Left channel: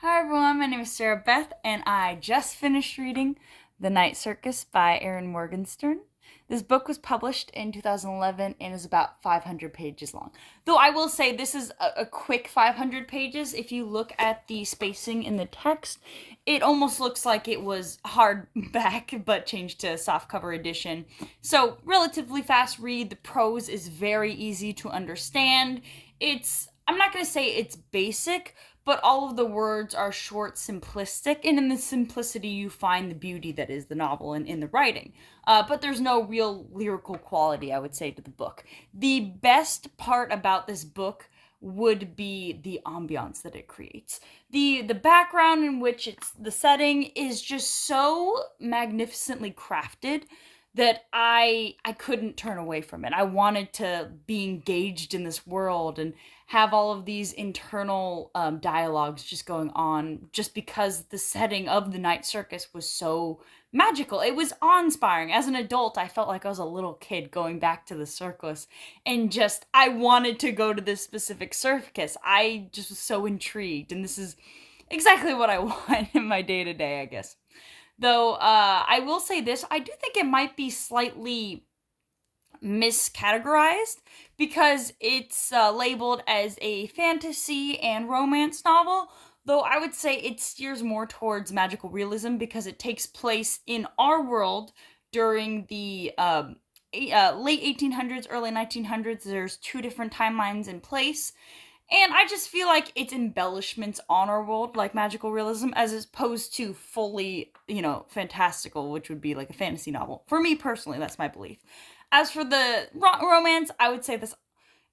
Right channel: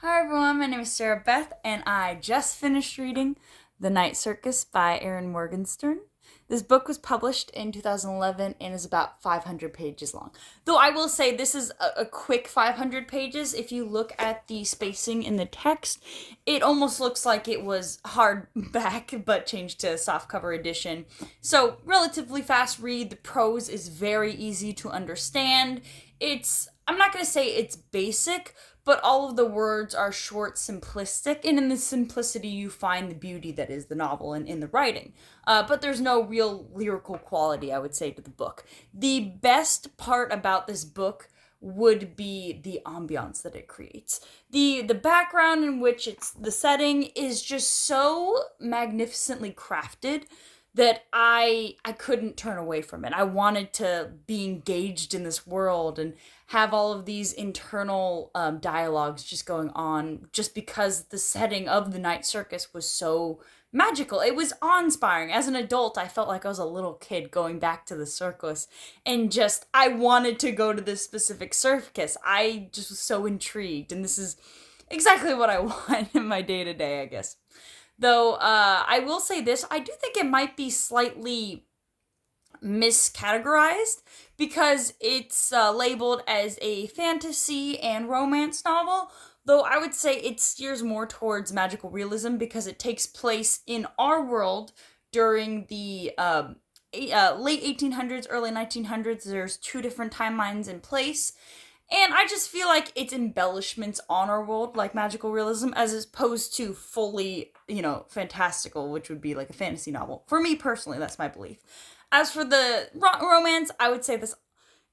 Hi everyone, my name is Sarah Beth, and I just finished reading The Night Circus by Erin Morgenstern. This book was published in 2011 and is about 500 pages long. Though I will say this is a quick 500 pages. If you look at the spacing in the text, it almost looks like it was hardback but changed to softcover edition. So, relatively fast read. The prose is very easy to understand. I'm not going to say it's basic, but all of the words are short, simplistic, and in the simplicity you find the beauty that is the novel and in the writing. But there's no real lyrical quality, I would say, to the book. The best part about this book would be the ambiance that it creates. The background in which it's the setting is just so magnificently crafted that I couldn't turn away from it. I wanted to be engaged in this world and have all of these internal dialogues just going on just because the setting of the night circus was so magical. It was awe-inspiring. As an adult, I felt like I was a little kid going back to the circus and just I wanted to go to this specific circus. I just was so intrigued, and this is exactly what I want in my day-to-day, I guess. Though I will say this, I do think it might be slightly miscategorized because it's labeled as a fantasy and romance novel, though I would say it steers more towards magical realism because it takes place in our world during the late 1800s, early 1900s. There's two different timelines in place. And I just feel like it's embellishments on our world, like magical realism, as opposed to fully, fantastical, which would be like a fantasy novel. For me personally, that's my belief. As for the romance, I would say this.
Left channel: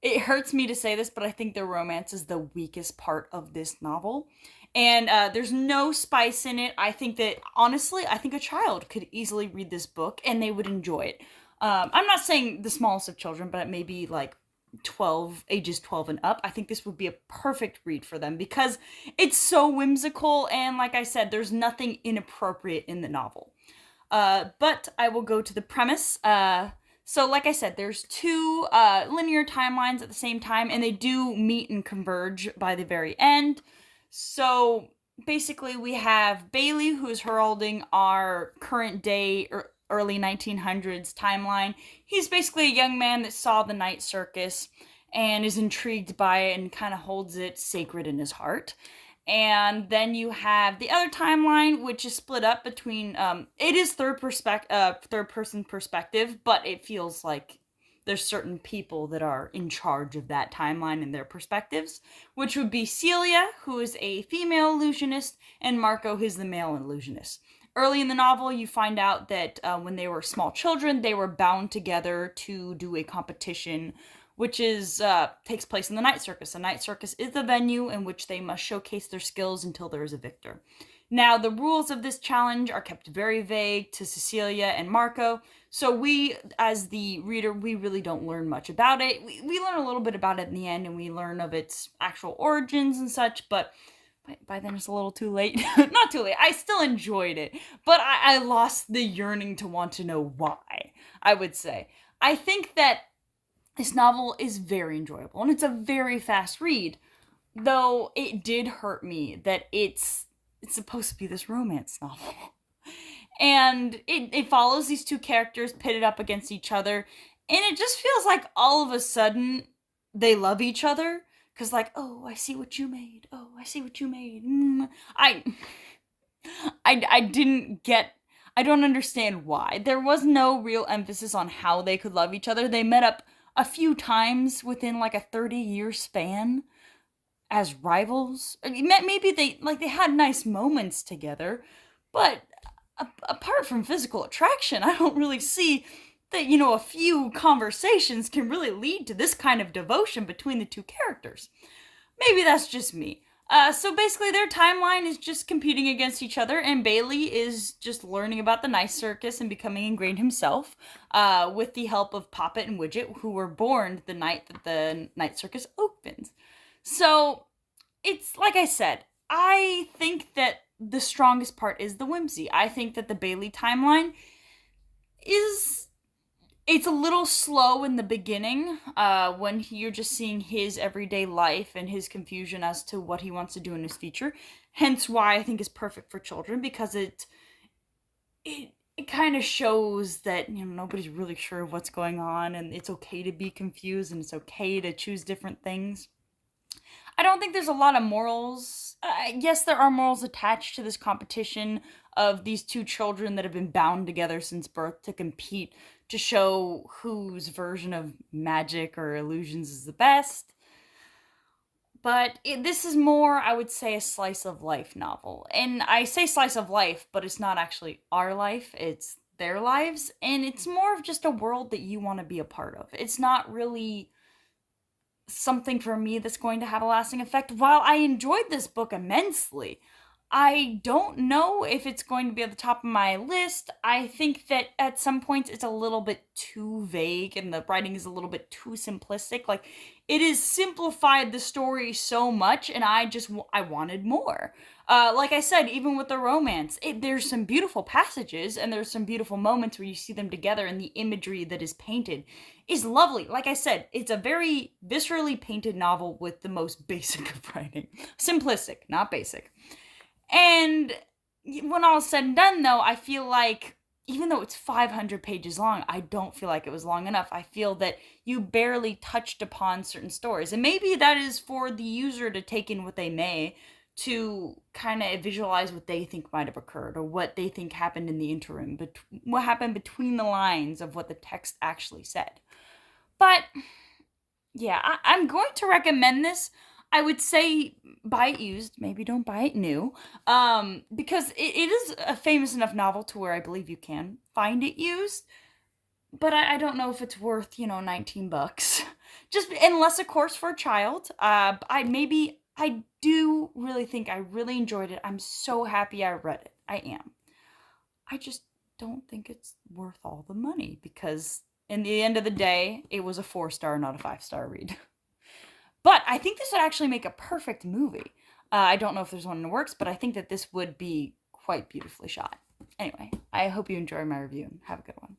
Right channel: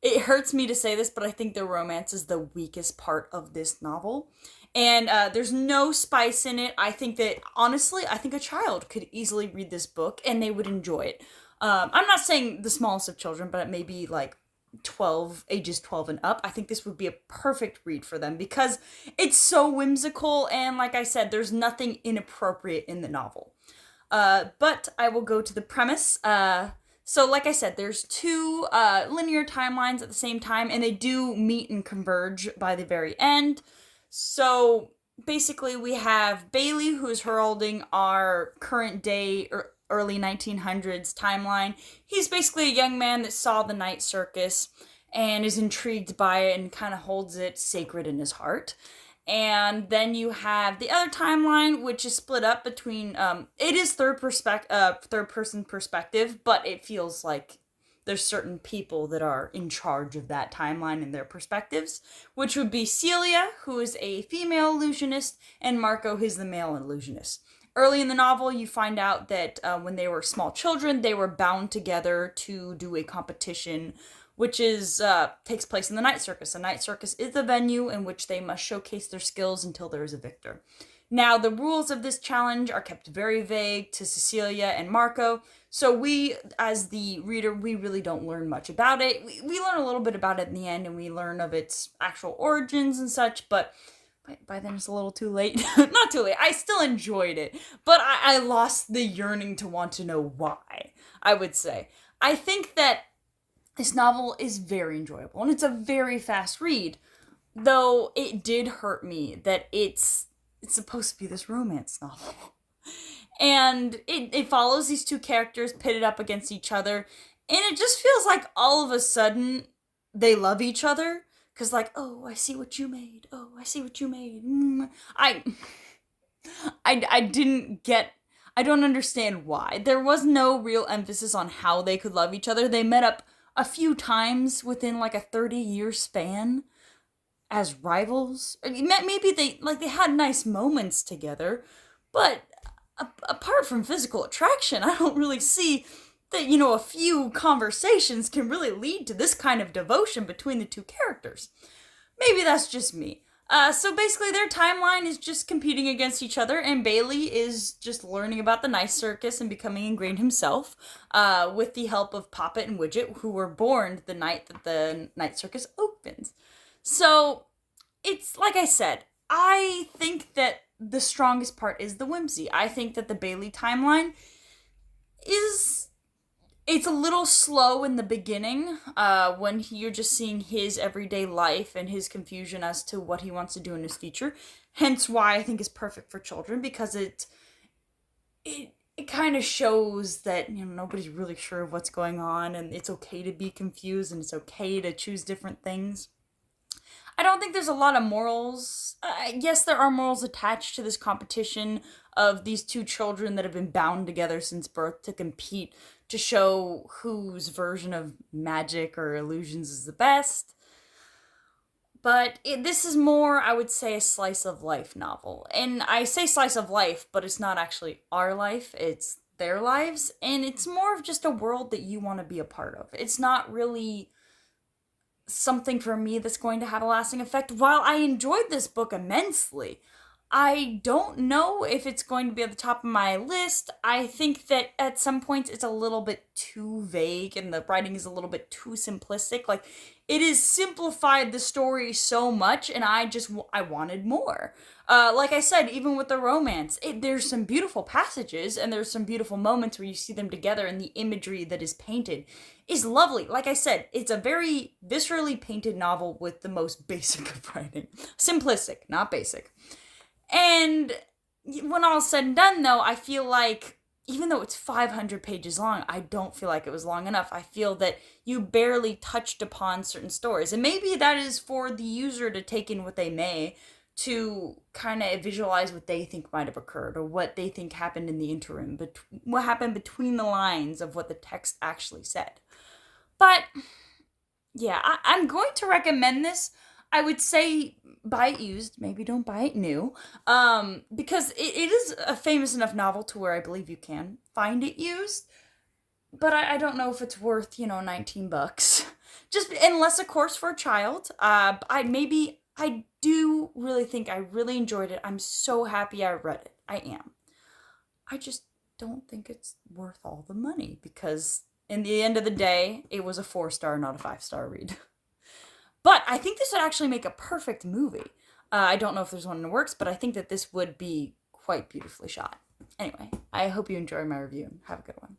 It hurts me to say this, but I think the romance is the weakest part of this novel. And there's no spice in it. I think that, honestly, I think a child could easily read this book and they would enjoy it. I'm not saying the smallest of children, but maybe like ages 12 and up. I think this would be a perfect read for them because it's so whimsical. And like I said, there's nothing inappropriate in the novel. But I will go to the premise. So, like I said, there's two linear timelines at the same time, and they do meet and converge by the very end. So, basically, we have Bailey, who's heralding our current day or early 1900s timeline. He's basically a young man that saw the night circus and is intrigued by it and kind of holds it sacred in his heart. And then you have the other timeline, which is split up between it is third person perspective, but it feels like there's certain people that are in charge of that timeline and their perspectives, which would be Celia, who is a female illusionist, and Marco, who's the male illusionist. Early in the novel, you find out that when they were small children, they were bound together to do a competition which takes place in the night circus. The night circus is the venue in which they must showcase their skills until there is a victor. Now, the rules of this challenge are kept very vague to Cecilia and Marco, so we, as the reader, we really don't learn much about it. We learn a little bit about it in the end, and we learn of its actual origins and such, but by then it's a little too late. Not too late. I still enjoyed it, but I lost the yearning to want to know why, I would say. I think that this novel is very enjoyable, and it's a very fast read, though it did hurt me that it's supposed to be this romance novel. And it follows these two characters pitted up against each other, and it just feels like all of a sudden they love each other. Because, like, oh, I see what you made. Oh, I see what you made. I didn't get I don't understand why. There was no real emphasis on how they could love each other. They met up a few times within like a 30-year span as rivals. I mean, maybe they had nice moments together, but apart from physical attraction, I don't really see that, a few conversations can really lead to this kind of devotion between the two characters. Maybe that's just me. So basically, their timeline is just competing against each other, and Bailey is just learning about the night circus and becoming ingrained himself, with the help of Poppet and Widget, who were born the night that the night circus opens. So, it's like I said, I think that the strongest part is the whimsy. I think that the Bailey timeline is It's a little slow in the beginning, when you're just seeing his everyday life and his confusion as to what he wants to do in his future. Hence why I think it's perfect for children, because it kind of shows that, nobody's really sure of what's going on, and it's okay to be confused, and it's okay to choose different things. I don't think there's a lot of morals. Yes, there are morals attached to this competition of these two children that have been bound together since birth to compete to show whose version of magic or illusions is the best. But this is more, I would say, a slice of life novel. And I say slice of life, but it's not actually our life, it's their lives. And it's more of just a world that you want to be a part of. It's not really something for me that's going to have a lasting effect. While I enjoyed this book immensely, I don't know if it's going to be at the top of my list. I think that at some points it's a little bit too vague and the writing is a little bit too simplistic. Like, it has simplified the story so much, and I wanted more. Like I said, even with the romance, there's some beautiful passages and there's some beautiful moments where you see them together, and the imagery that is painted is lovely. Like I said, it's a very viscerally painted novel with the most basic of writing. Simplistic, not basic. And when all's said and done, though, I feel like, even though it's 500 pages long, I don't feel like it was long enough. I feel that you barely touched upon certain stories. And maybe that is for the user to take in what they may, to kind of visualize what they think might have occurred, or what they think happened in the interim, but what happened between the lines of what the text actually said. But yeah, I'm going to recommend this. I would say buy it used, maybe don't buy it new, because it is a famous enough novel to where I believe you can find it used, but I don't know if it's worth, $19. Just, unless, of course, for a child. I do really think I really enjoyed it. I'm so happy I read it. I am. I just don't think it's worth all the money, because in the end of the day, it was a 4-star, not a 5-star read. But I think this would actually make a perfect movie. I don't know if there's one in the works, but I think that this would be quite beautifully shot. Anyway, I hope you enjoy my review, and have a good one.